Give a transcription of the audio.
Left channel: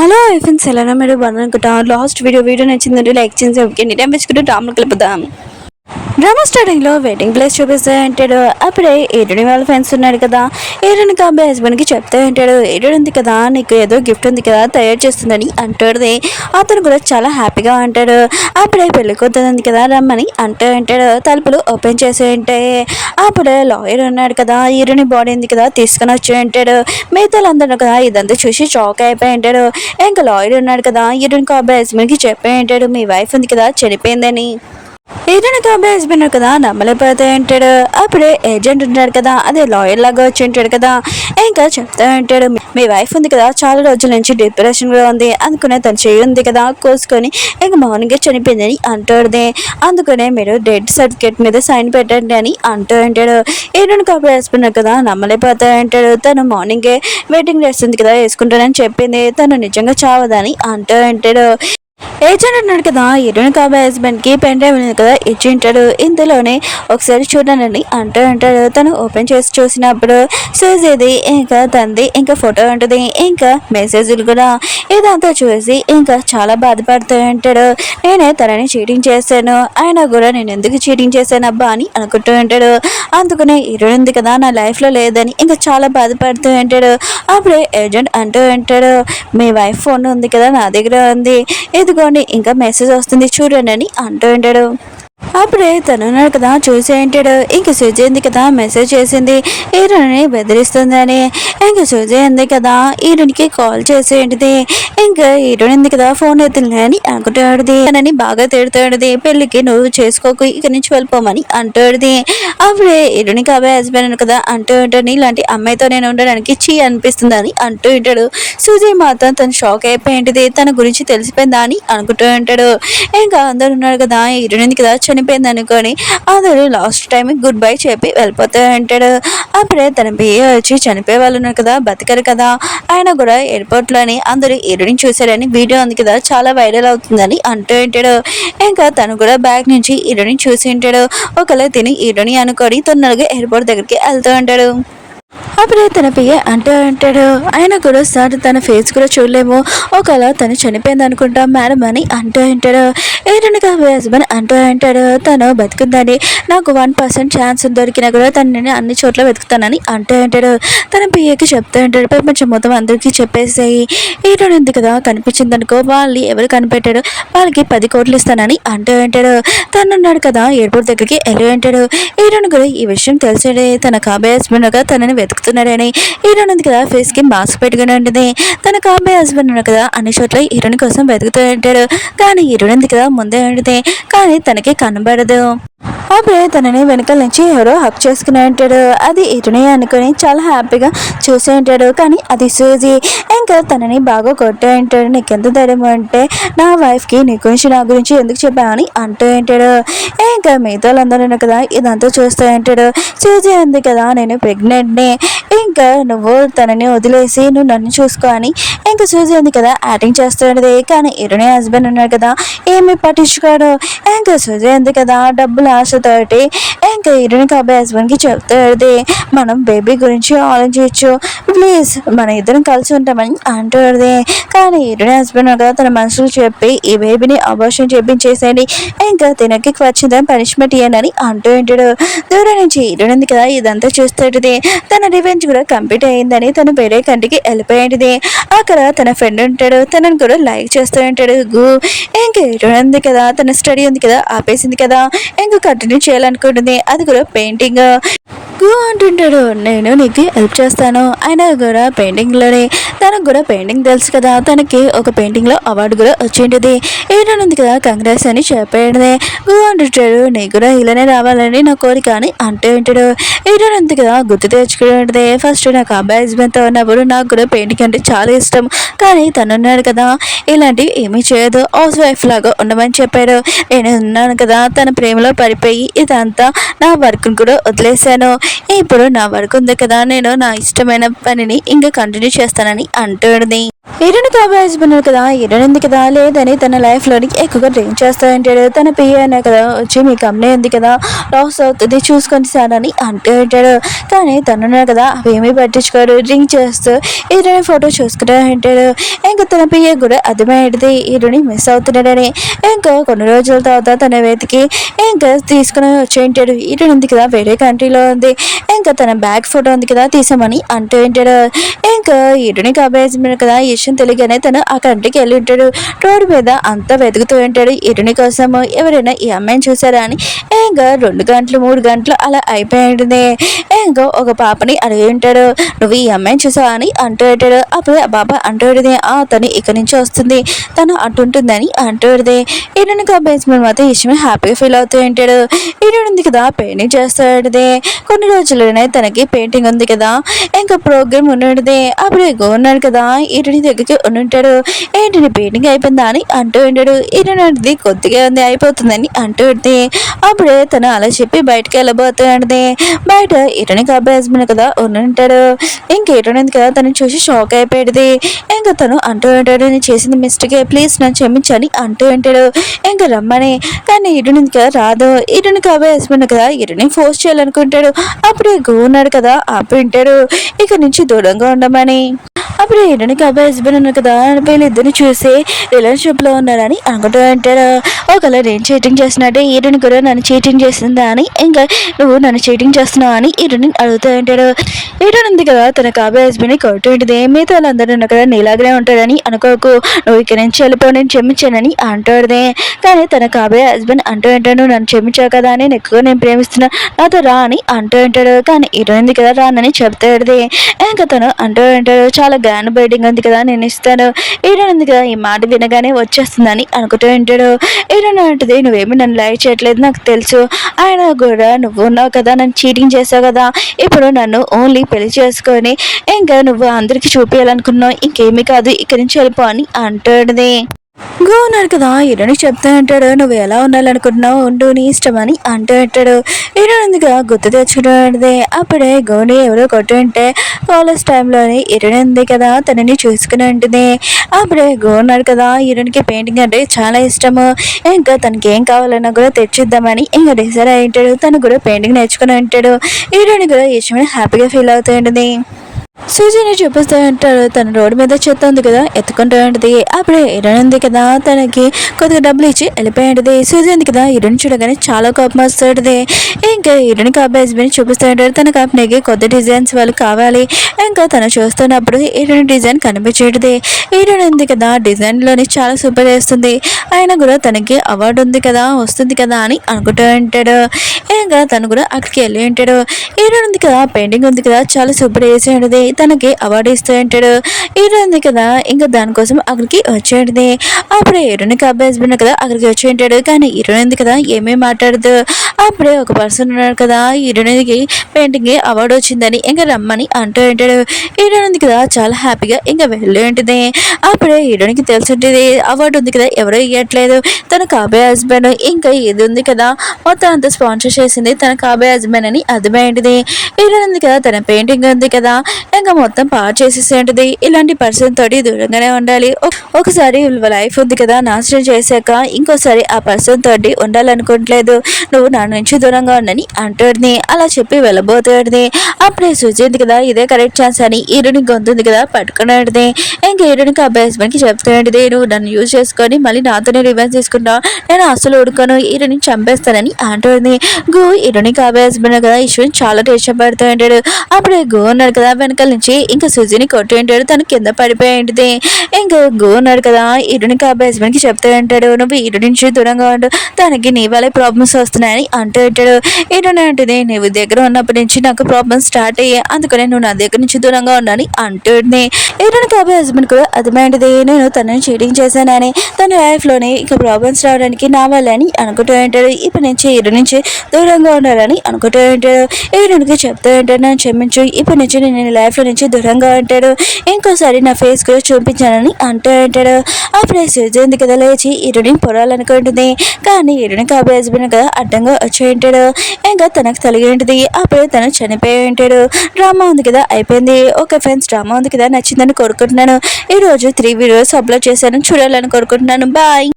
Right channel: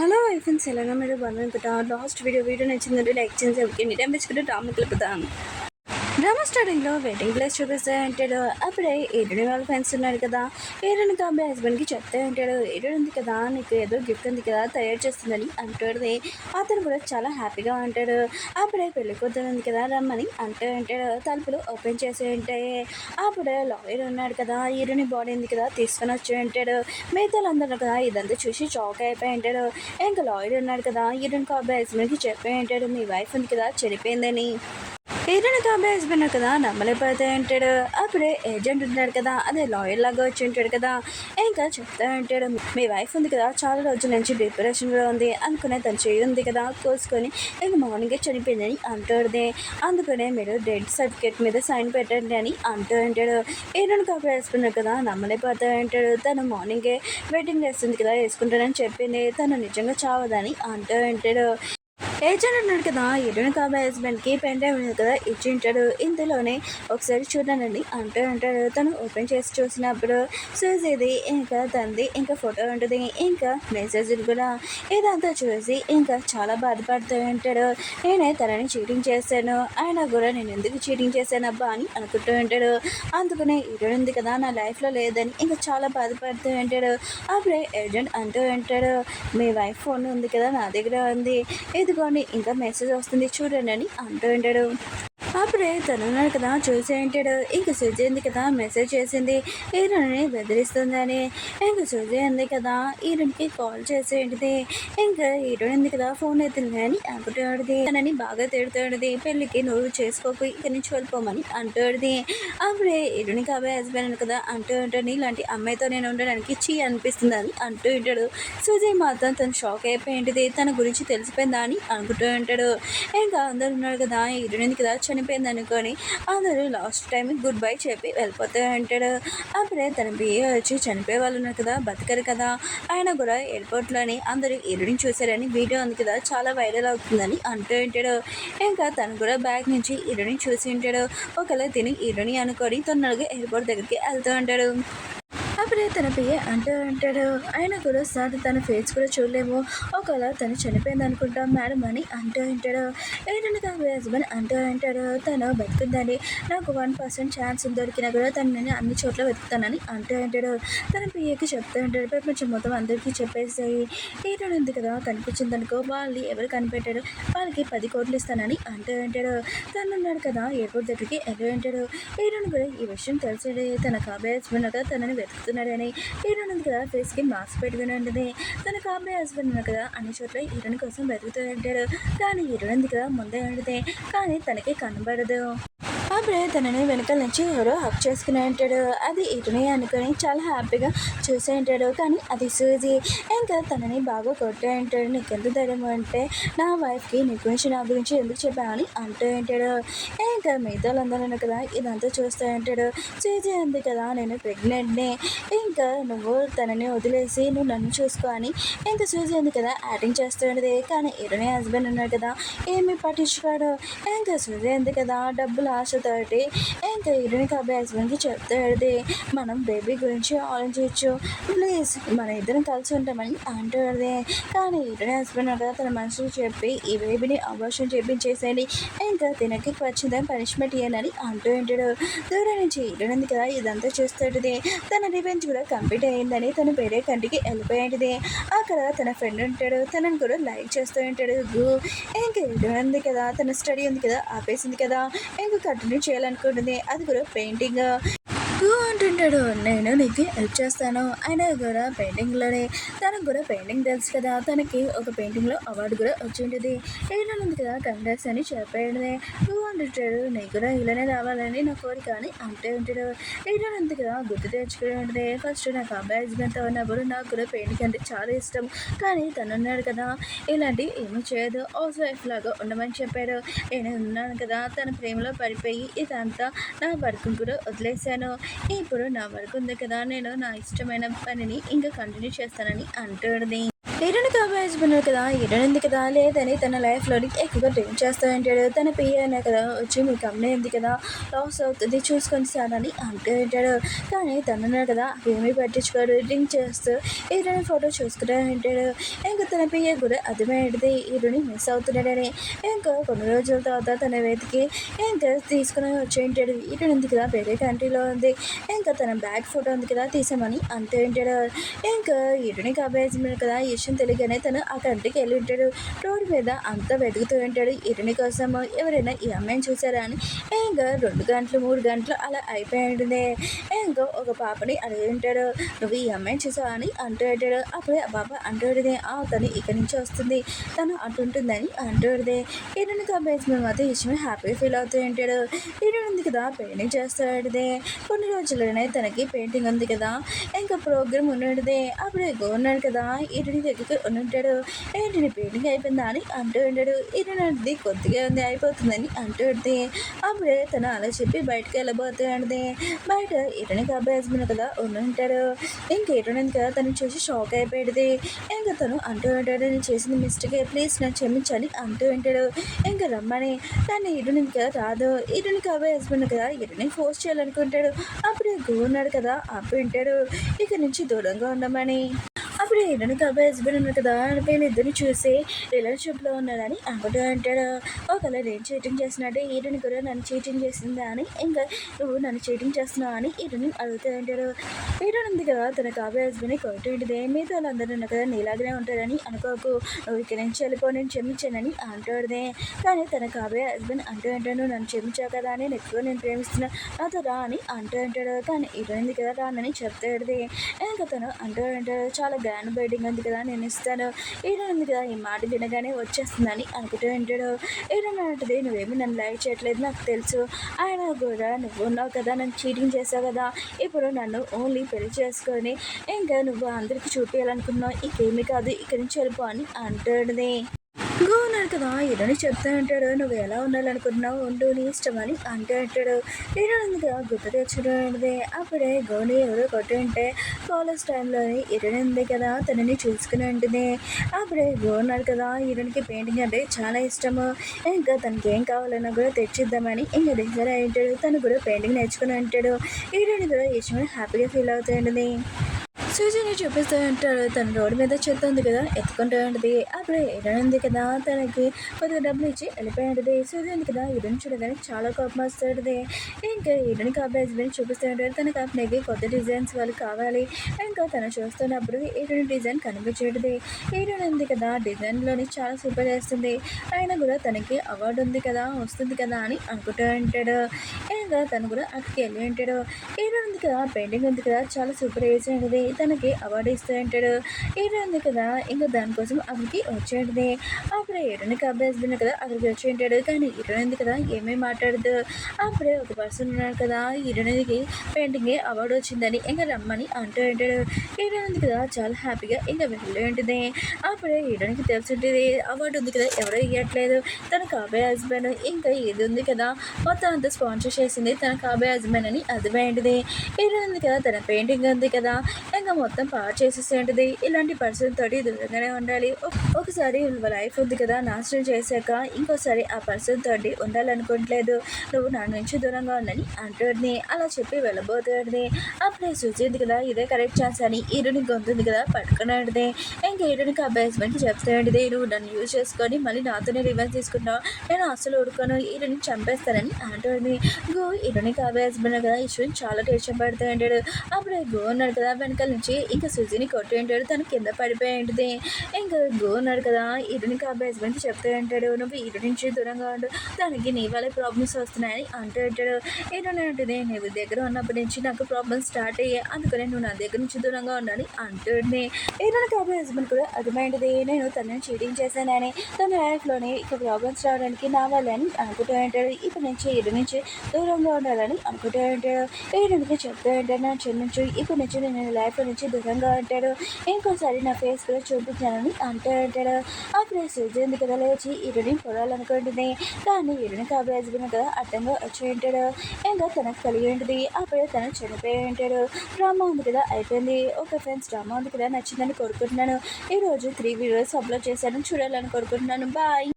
Hello friends, ఎలా మీరు బాగున్నారనుకుంటా. Last video నచ్చిందంటే లైక్ చేసి ఓకే టైం వేసుకుంటూ డ్రామాలు కలుపుదాం. డ్రామా స్టార్టింగ్ లో వెయిటింగ్ ప్లేస్ చూపిస్తూ ఉంటాడు. అప్పుడే ఏడుని వాళ్ళ ఫ్రెండ్స్ ఉన్నాడు కదా, ఏడుని కాబోయే హస్బెండ్ కి చెప్తూ ఉంటాడు, ఏడు ఉంది కదా నీకు ఏదో గిఫ్ట్ ఉంది కదా తయారు చేస్తుందని అంటాడు. అతను కూడా చాలా హ్యాపీగా ఉంటాడు. అప్పుడే పెళ్లి కూతురుంది కదా రమ్మని అంటూ ఉంటాడు. తలుపులు ఓపెన్ చేసి ఉంటాయి. అప్పుడే లాయర్ ఉన్నాడు కదా, ఏడుని బాడీ ఉంది కదా తీసుకొని వచ్చి ఉంటాడు. మిగతాలందరూ కదా ఇదంతా చూసి షాక్ అయిపోయి ఉంటాడు. ఇంకా లాయర్ ఉన్నాడు కదా, ఏడుని కాబోయే హస్బెండ్ కి చెప్పి ఉంటాడు, మీ వైఫ్ ఉంది కదా చనిపోయిందని. ఏదైనా కాబోయే హస్బెండ్ కదా నమ్మలేకపోతే ఉంటాడు. అప్పుడే ఏజెంట్ ఉంటాడు కదా, అదే లాయర్ లాగా వచ్చి ఉంటాడు కదా, ఇంకా చెప్తా ఉంటాడు, మీ వైఫ్ ఉంది కదా చాలా రోజుల నుంచి డిప్రెషన్ గా ఉంది, అందుకునే తను చేయి ఉంది కదా కోసుకొని ఇంకా మార్నింగ్ చనిపోయిందని అంటాడు. అందుకనే మీరు డెత్ సర్టిఫికేట్ మీద సైన్ పెట్టండి అని అంటూ ఉంటాడు. ఏదైనా కాబోయే హస్బెండ్ కదా నమ్మలేకపోతా ఉంటాడు. తను మార్నింగే వెడ్డింగ్ డ్రెస్ ఉంది కదా వేసుకుంటానని చెప్పింది, తను నిజంగా చావదని అంటూ ఉంటాడు. ఏజెంట్ అన్నాడు కదా, ఎరుని కాబోయే హస్బెండ్ కి పెన్ డ్రైవ్ కదా ఇచ్చి ఉంటాడు. ఇందులోనే ఒకసారి చూడండి అంటూ ఉంటాడు. తను ఓపెన్ చేసి చూసినప్పుడు సూజీది ఇంకా తంది ఇంకా ఫోటో ఉంటుంది, ఇంకా మెసేజ్లు కూడా. ఇదంతా చూసి ఇంకా చాలా బాధపడుతూ ఉంటాడు. నేనే తనని చీటింగ్ చేశాను, అయినా కూడా నేను ఎందుకు చీటింగ్ చేశాను అబ్బా అని అనుకుంటూ ఉంటాడు. అందుకనే ఎరుడు ఉంది కదా నా లైఫ్ లో లేదని ఇంకా చాలా బాధపడుతూ ఉంటాడు. అప్పుడే ఏజెంట్ అంటూ ఉంటాడు, మీ వైఫ్ ఫోన్ ఉంది కదా నా దగ్గర ఉంది, ఇదిగోండి ఇంకా మెసేజ్ వస్తుంది చూడండి అని అంటూ ఉంటాడు. అప్పుడే తను ఉన్నాడు కదా చూసి ఉంటాడు. ఇంక సూజీ ఉంది కదా మెసేజ్ చేసింది ఈరుని బెదిరిస్తుందని. ఇంక సూజీ ఉంది కదా ఈరునికి కాల్ చేసి ఏంటిది, ఇంకా ఈరుని ఉంది కదా ఫోన్ ఎత్తులే అని అనుకుంటాడుది. తనని బాగా తిడుతాడుది, పెళ్లికి నువ్వు చేసుకోకు ఇక నుంచి వెళ్ళిపోమని అంటాడుది. అప్పుడే ఈరుని కాబోయే హస్బెండ్ కదా అంటూ ఉంటాడు, ఇలాంటి అమ్మాయితో నేను ఉండడానికి చీ అనిపిస్తుంది అని అంటూ ఉంటాడు. సూజీ మాత్రం తను షాక్ అయిపోయింది, తన గురించి తెలిసిపోయిందా అని అనుకుంటూ ఉంటాడు. ఇంకా అందరు ఉన్నారు కదా ఈరుని కదా చనిపోయింది అనుకొని అందరూ లాస్ట్ టైం గుడ్ బై చెప్పి వెళ్ళిపోతూ ఉంటాడు. అప్పుడే తన బియ్య వచ్చి చనిపోయే వాళ్ళు ఉన్నారు కదా బతికారు కదా, ఆయన కూడా ఎయిర్పోర్ట్లోని అందరూ ఎరుడిని చూశారని వీడియో ఉంది కదా చాలా వైరల్ అవుతుందని అంటూ ఉంటాడు. ఇంకా తను కూడా బ్యాగ్ నుంచి ఎరుడిని చూసి ఉంటాడు. ఒకవేళ తిని ఎరుడిని అనుకొని తొందరగా ఎయిర్పోర్ట్ దగ్గరికి వెళ్తూ ఉంటాడు. అప్పుడే తన పియ్య అంటూ ఉంటాడు, ఆయన కూడా సార్ తన ఫేస్ కూడా చూడలేము, ఒకవేళ తను చనిపోయింది అనుకుంటా మేడం అని అంటూ ఉంటాడు. ఏదైనా హస్బెండ్ అంటూ ఉంటాడు, తను బతుకుందని నాకు 1% ఛాన్స్ దొరికినా కూడా తను నేను అన్ని చోట్ల వెతుకుతానని అంటూ ఉంటాడు. తన పియ్యకి చెప్తూ ఉంటాడు, ప్రపంచం మొత్తం అందరికీ చెప్పేసాయి, ఈరోజు ఉంది కదా కనిపించింది అనుకో వాళ్ళు ఎవరు కనిపెట్టాడు వాళ్ళకి 10 కోట్లు ఇస్తానని అంటూ ఉంటాడు. తను ఉన్నాడు కదా ఎయిర్పోర్ట్ దగ్గరికి వెళ్ళి ఉంటాడు. ఈరోజు కూడా ఈ విషయం తెలిసాడే, తన కాబోయే హస్బెండ్ తనని వెతుకుతున్నాడని. హీరోయిన్ ఉంది కదా ఫేస్ కి మాస్క్ పెట్టుకుని ఉంటుంది. తన కాబోయే హస్బెండ్ ఉన్నాడు కదా అన్ని చోట్ల హీరోయిన్ కోసం వెతుకుతూ ఉంటాడు. కానీ హీరోయిన్ ఉంది కదా ముందే ఉంటుంది, కానీ తనకి కనబడదు. అప్పుడే తనని వెనకాల నుంచి ఎవరో హక్ చేసుకుని ఉంటాడు. అది ఇటునే అనుకుని చాలా హ్యాపీగా చూసి ఉంటాడు, కానీ అది సూజీ. ఇంకా తనని బాగా కొట్టే ఉంటాడు, నీకెంత ధైర్యం అంటే నా వైఫ్కి నీ గురించి నా గురించి ఎందుకు చెప్పావని అంటూ ఉంటాడు. ఇంకా మిగతా వాళ్ళందరూ కదా ఇదంతా చూస్తూ ఉంటాడు. సూజీ ఉంది కదా నేను ప్రెగ్నెంట్ని, ఇంకా నువ్వు తనని వదిలేసి నువ్వు నన్ను చూసుకో అని ఇంకా సూజీ ఉంది కదా యాక్టింగ్ చేస్తుండేది. కానీ ఇరునే హస్బెండ్ ఉన్నాడు కదా ఏమి పట్టించుకోడు. ఇంకా సూజీ ఉంది కదా డబ్బులు ఆశతోటి ఇంకా ఇరుని కాబోయే హస్బెండ్కి చెప్తాడు, మనం బేబీ గురించి ఆలోచించచ్చు ప్లీజ్ మన ఇద్దరం కలిసి ఉంటామని అంటాడు. కానీ ఇరుని హస్బెండ్ కదా తన మనసుకు చెప్పి ఈ బేబీని అబార్షన్ చేపించేసేయండి, ఇంకా తినకి వచ్చిందని పనిష్మెంట్ ఇయ్యనని అంటూ ఉంటాడు. దూరం నుంచి ఇరునింది కదా ఇదంతా చూస్తాడు. తన రివెంజ్ కూడా కంప్లీట్ అయ్యిందని తను వేరే కంటికి వెళ్ళిపోయింది. అక్కడ తన ఫ్రెండ్ ఉంటాడు, తనని కూడా లైక్ చేస్తూ ఉంటాడు. ఇంకా ఇరునింది కదా తన స్టడీ ఉంది కదా ఆపేసింది కదా, ఇంకా కంటిన్యూ చేయాలనుకుంటుంది, అది కూడా పెయింటింగ్. అంటుంటాడు, నేను నీకు హెల్ప్ చేస్తాను. అయినా కూడా పెయింటింగ్లోనే తనకు కూడా పెయింటింగ్ తెలుసు కదా, తనకి ఒక పెయింటింగ్లో అవార్డు కూడా వచ్చింటుంది. ఏనుంది కదా కంగ్రెస్ అని చెప్పాడు. అంటుంటాడు, నీకు కూడా ఇలానే రావాలని నా కోరిక అని అంటూ ఉంటాడు. ఏనుంది కదా గుర్తు తెచ్చుకుంటుంది, ఫస్ట్ నాకు అబ్బాయి హస్బెండ్తో ఉన్నప్పుడు నాకు కూడా పెయింటింగ్ అంటే చాలా ఇష్టం, కానీ తను ఉన్నాడు కదా ఇలాంటివి ఏమీ చేయదు, హౌస్ వైఫ్ లాగా ఉండమని చెప్పాడు. నేను ఉన్నాను కదా తన ప్రేమలో పడిపోయి ఇదంతా నా వర్క్ను కూడా వదిలేశాను, ఇప్పుడు నా వర్క్ ఉంది కదా నేను నా ఇష్టమైన పనిని ఇంకా కంటిన్యూ చేస్తానని అంటుంది. హీరోని కాబోయే హస్బెండ్ కదా హీరోయిన్ ఉంది కదా లేదని తన లైఫ్లోని ఎక్కువగా డ్రింక్ చేస్తూ ఉంటాడు. తన పియ్యనే కదా వచ్చి మీ కంపెనీ ఉంది కదా లాస్ అవుతుంది చూసుకొని సార్ అని అంటూ ఉంటాడు. కానీ తనున్నాడు కదా అవేమీ పట్టించుకోడు. డ్రింక్ చేస్తూ హీరోని ఫోటో చూసుకుంటూ ఉంటాడు. ఇంకా తన పియ్య కూడా అర్థమయ్యేది హీరోని మిస్ అవుతున్నాడని. ఇంకా కొన్ని రోజుల తర్వాత తన వెతికి ఇంకా తీసుకుని వచ్చి ఉంటాడు. హీరోయిన్ ఉంది కదా వేరే కంట్రీలో ఉంది. ఇంకా తన బ్యాగ్ ఫోటో ఉంది కదా తీసామని అంటూ ఉంటాడు. ఇంకా హీరోని కాబోయే కదా ఈ విషయం తెలియగానే తను ఆ కంట్రీకి వెళ్ళి ఉంటాడు. రోడ్డు మీద అంతా వెతుకుతూ ఉంటాడు హీరోని కోసం. ఎవరైనా ఈ అమ్మాయిని చూసారా అని. ఇంకా 2 గంటలు 3 గంటలు అలా అయిపోయింది. ఇంకా ఒక పాపని అడిగి ఉంటాడు, నువ్వు ఈ అమ్మాయిని చూసావా అని అంటూ ఉంటాడు. అప్పుడు ఆ పాప అంటూ ఉంటుంది, తను ఇక్కడి నుంచి వస్తుంది తను అంటుంటుందని అంటూ ఉంటుంది. హీరోని కాబోయే మాత్రం ఈ విషయం హ్యాపీగా ఫీల్ అవుతూ ఉంటాడు. హీరోయిన్ ఉంది కదా పెయింటింగ్ చేస్తూ ఉంటుంది. కొన్ని రోజుల్లోనే తనకి పెయింటింగ్ ఉంది కదా ఇంకా ప్రోగ్రామ్ ఉన్నది. అప్పుడు ఉన్నాడు కదా హీరోని దగ్గరికి ఉంటాడు. ఏంటి పెయింటింగ్ అయిపోయిందా అని అంటూ ఉంటాడు. హీరోయిన్ అనేది కొద్దిగా ఉంది అయిపోతుందని అంటూ ఉంటుంది. అప్పుడే తను అలా చెప్పి బయటకు వెళ్ళబోతూ ఉంటుంది. బయట హీరోని కాబోయే హస్బెండ్ కదా ఉంటాడు. ఇంక హీరోయిన్ కదా తను చూసి షాక్ అయిపోయేది. ఇంకా తను అంటూ ఉంటాడు, నేను చేసింది మిస్టేక్ ప్లీజ్ నన్ను క్షమించని అంటూ ఉంటాడు. ఇంకా రమ్మని. కానీ హీరోయిన్ కదా రాదు. హీరోయిన్ కాబోయే హస్బెండ్ కదా హీరోయిన్ ఫోర్స్ చేయాలనుకుంటాడు. అప్పుడే ఉన్నాడు కదా ఆపి ఉంటాడు ఇక నుంచి దూరంగా ఉండమని. అప్పుడు హీరోయిన్ కాబోయే హస్బెండ్ ఉన్నారు కదా వీళ్ళిద్దరిని చూసి రిలేషన్షిప్లో ఉన్నారని అనుకుంటూ ఉంటాడు. ఒకవేళ నేను చీటింగ్ చేస్తున్నట్టే హీరోయిన్ కూడా నన్ను చీటింగ్ చేసిందా అని ఇంకా నువ్వు నన్ను చీటింగ్ చేస్తున్నావు అని హీరోయిన్ అడుగుతూ ఉంటాడు. హీరోయిన్ ఉంది కదా తన కాబోయే హస్బెండ్ని కొడుతూ ఉంటుంది. మిగతా వాళ్ళందరూ ఉన్నారు కదా నీలాగనే ఉంటాడని అనుకోకు, నువ్వు ఇక్కడి నుంచి వెళ్ళిపోయి నేను క్షమించానని అంటాడుదే. కానీ తన కాబోయే హస్బెండ్ అంటూ ఉంటాడు, నన్ను క్షమించావు కదా అని ఎక్కువ నేను ప్రేమిస్తున్నా నాతో రా అని అంటూ ఉంటాడు. కానీ హీరోయిన్ ఉంది కదా రానని చెప్తాడుది. ఇంకా తను అంటూ ఉంటాడు, చాలా గ్రాండ్ బైటింగ్ ఉంది కదా నేను ఇస్తాను. హీరోయిన్ ఉంది కదా ఈ మాట వినగానే వచ్చేస్తుందని అనుకుంటూ ఉంటాడు. హీరోయిన్ అంటుంది, నువ్వేమి నన్ను లైక్ చేయట్లేదు నాకు తెలుసు, ఆయన కూడా నువ్వు ఉన్నావు కదా నన్ను చీటింగ్ చేసావు కదా ఇప్పుడు నన్ను ఓన్లీ పెళ్లి చేసుకొని ఇంకా నువ్వు అందరికి చూపించాలనుకున్నావు ఇంకేమీ కాదు ఇక్కడి నుంచి వెళ్ళిపో అని అంటాడుది. ఉన్నాడు కదా హీరోని చెప్తా ఉంటాడు, నువ్వు ఎలా ఉండాలనుకుంటున్నావు ఉండు నీ ఇష్టం అని అంటూ ఉంటాడు. హీరోయిన్ ఉందిగా గుర్తు తెచ్చుకుంటే అప్పుడే గోని ఎవరో కొట్టుంటే కాలేజ్ టైంలోని హీరోయిన్ ఉంది కదా తనని చూసుకుని ఉంటుంది. అప్పుడే ఉన్నాడు కదా హీరోయిన్కి పెయింటింగ్ అంటే చాలా ఇష్టము. ఇంకా తనకి ఏం కావాలన్నా కూడా తెచ్చిద్దామని ఇంకా డిసైడ్ అయి ఉంటాడు. తను కూడా పెయింటింగ్ నేర్చుకుని ఉంటాడు. హీరోయిన్ కూడా ఇష్టమని హ్యాపీగా ఫీల్ అవుతూ ఉంటుంది. సూజీని చూపిస్తూ ఉంటాడు. తన రోడ్డు మీద చెత్త ఉంది కదా ఎత్తుకుంటూ ఉంటుంది. అప్పుడే హీరోయిన్ ఉంది కదా తనకి కొద్దిగా డబ్బులు ఇచ్చి వెళ్ళిపోయి ఉంటుంది. సూజీ ఉంది కదా హీరోయిన్ చూడగానే చాలా కోపం వస్తుంది. ఇంకా హీరోయిన్ కాబోయే హస్బెండ్ చూపిస్తూ ఉంటాడు. తన కంపెనీకి కొత్త డిజైన్స్ వాళ్ళు కావాలి. ఇంకా తను చూస్తున్నప్పుడు హీరోయిన్ డిజైన్ కనిపించేది. హీరోయిన్ ఉంది కదా డిజైన్లోని చాలా సూపర్ చేస్తుంది. ఆయన కూడా తనకి అవార్డు ఉంది కదా వస్తుంది కదా అని అనుకుంటూ ఉంటాడు. ఇంకా తను కూడా అక్కడికి వెళ్ళి ఉంటాడు. హీరోయిన్ ఉంది కదా పెయింటింగ్ ఉంది కదా చాలా సూపర్ చేసి ఉంటుంది. తనకి అవార్డు ఇస్తూ ఉంటాడు. హీరోయిన్ ఉంది కదా ఇంకా దానికోసం అక్కడికి వచ్చేది. అప్పుడే హీరోయిన్ కాబోయే హస్బెండ్ కదా అక్కడికి వచ్చి ఉంటాడు. కానీ హీరోయిన్ ఉంది కదా ఏమీ మాట్లాడదు. అప్పుడే ఒక పర్సన్ ఉన్నాడు కదా హీరోయిన్కి పెయింటింగ్ అవార్డు వచ్చిందని ఇంకా రమ్మని అంటూ ఉంటాడు. హీరోయిన్ ఉంది కదా చాలా హ్యాపీగా ఇంకా వెళ్ళి ఉంటుంది. అప్పుడే హీరోయిన్కి తెలిసి ఉంటుంది అవార్డు ఉంది కదా ఎవరో ఇవ్వట్లేదు తన కాబోయే హస్బెండ్ ఇంకా ఇది ఉంది కదా మొత్తం అంతా స్పాన్సర్ చేసింది తన కాబోయే హస్బెండ్ అని అర్థమైంది. హీరోయిన్ ఉంది కదా తన పెయింటింగ్ ఉంది కదా ఇంకా మొత్తం పాడు చేసేసి ఉంటుంది. ఇలాంటి పర్సన్ తోటి దూరంగానే ఉండాలి. ఒకసారి లైఫ్ ఉంది కదా నాశనం చేశాక ఇంకోసారి ఆ పర్సన్ తోటి ఉండాలనుకోవట్లేదు, నువ్వు నా నుంచి దూరంగా ఉండని అంటుంది. అలా చెప్పి వెళ్ళబోతుంది. అప్పుడే సూచింది కదా ఇదే కరెక్ట్ ఛాన్స్ అని హీరోయిన్ గొంతుంది కదా పట్టుకునేది. ఇంకా హీరోయిన్కి ఆ హస్బెండ్కి చెప్తాడు, నువ్వు నన్ను యూజ్ చేసుకొని మళ్ళీ నాతోనే రివెంజ్ తీసుకుంటావు, నేను అసలు ఉడుకోను హీరోయిన్ చంపేస్తానని అంటుంది. హీరోయిన్కి ఆ హస్బెండ్ కదా ఈశ్వరిని చాలా టెన్షన్ పడుతూ ఉంటాడు. అప్పుడే ఉన్నాడు కదా వెనకాల నుంచి ఇంకా సుజీని కొట్టి ఉంటాడు. తను కింద పడిపోయి ఉంటుంది. ఇంకా ఉన్నాడు కదా హీరోయిన్ కాబోయే హస్బెండ్కి చెప్తూ ఉంటాడు, నువ్వు హీరోయిన్ నుంచి దూరంగా ఉండు తనకి నీ వల్లే ప్రాబ్లమ్స్ వస్తున్నాయని అంటూ ఉంటాడు. హీరోయిన్ అంటుంది, నువ్వు దగ్గర ఉన్నప్పటి నుంచి నాకు ప్రాబ్లమ్స్ స్టార్ట్ అయ్యాయి అందుకనే నువ్వు నా దగ్గర నుంచి దూరంగా ఉండని అంటుంది. హీరోయిన్ కాబోయే హస్బెండ్ కూడా అర్థమైంది నేను తనని చీటింగ్ చేశానని తన లైఫ్లోనే ఇక ప్రాబ్లమ్స్ రావడానికి నా వల్ల అని అనుకుంటూ ఉంటాడు. ఇప్పటి నుంచి హీరోయిన్ నుంచి దూరంగా ఉండాలని అనుకుంటూ ఉంటాడు. హీరోయిన్కి చెప్తూ ఉంటాడు, నన్ను క్షమించు ఇప్పటి నుంచి నేను లైఫ్ లైఫ్లో నుంచి దూరంగా ఉంటాడు. ఇంకోసారి నా ఫేస్ కూడా చూపించానని అంటాడు. అప్పుడే సూర్య కదా లేచి ఇరుని పొరాలనుకుంటుంది. కానీ ఇరుని కాబోయే హస్బెండ్ కదా అడ్డంగా వచ్చి ఉంటాడు. ఇంకా తనకు తలిగి ఉంటుంది. అప్పుడే తను చనిపోయి ఉంటాడు. డ్రామా ఉంది కదా అయిపోయింది. ఓకే ఫ్రెండ్స్, డ్రామా ఉంది కదా నచ్చిందని కోరుకుంటున్నాను. ఈరోజు 3 వీడియోస్ అప్లోడ్ చేశాను, చూడాలని కోరుకుంటున్నాను. బాయ్.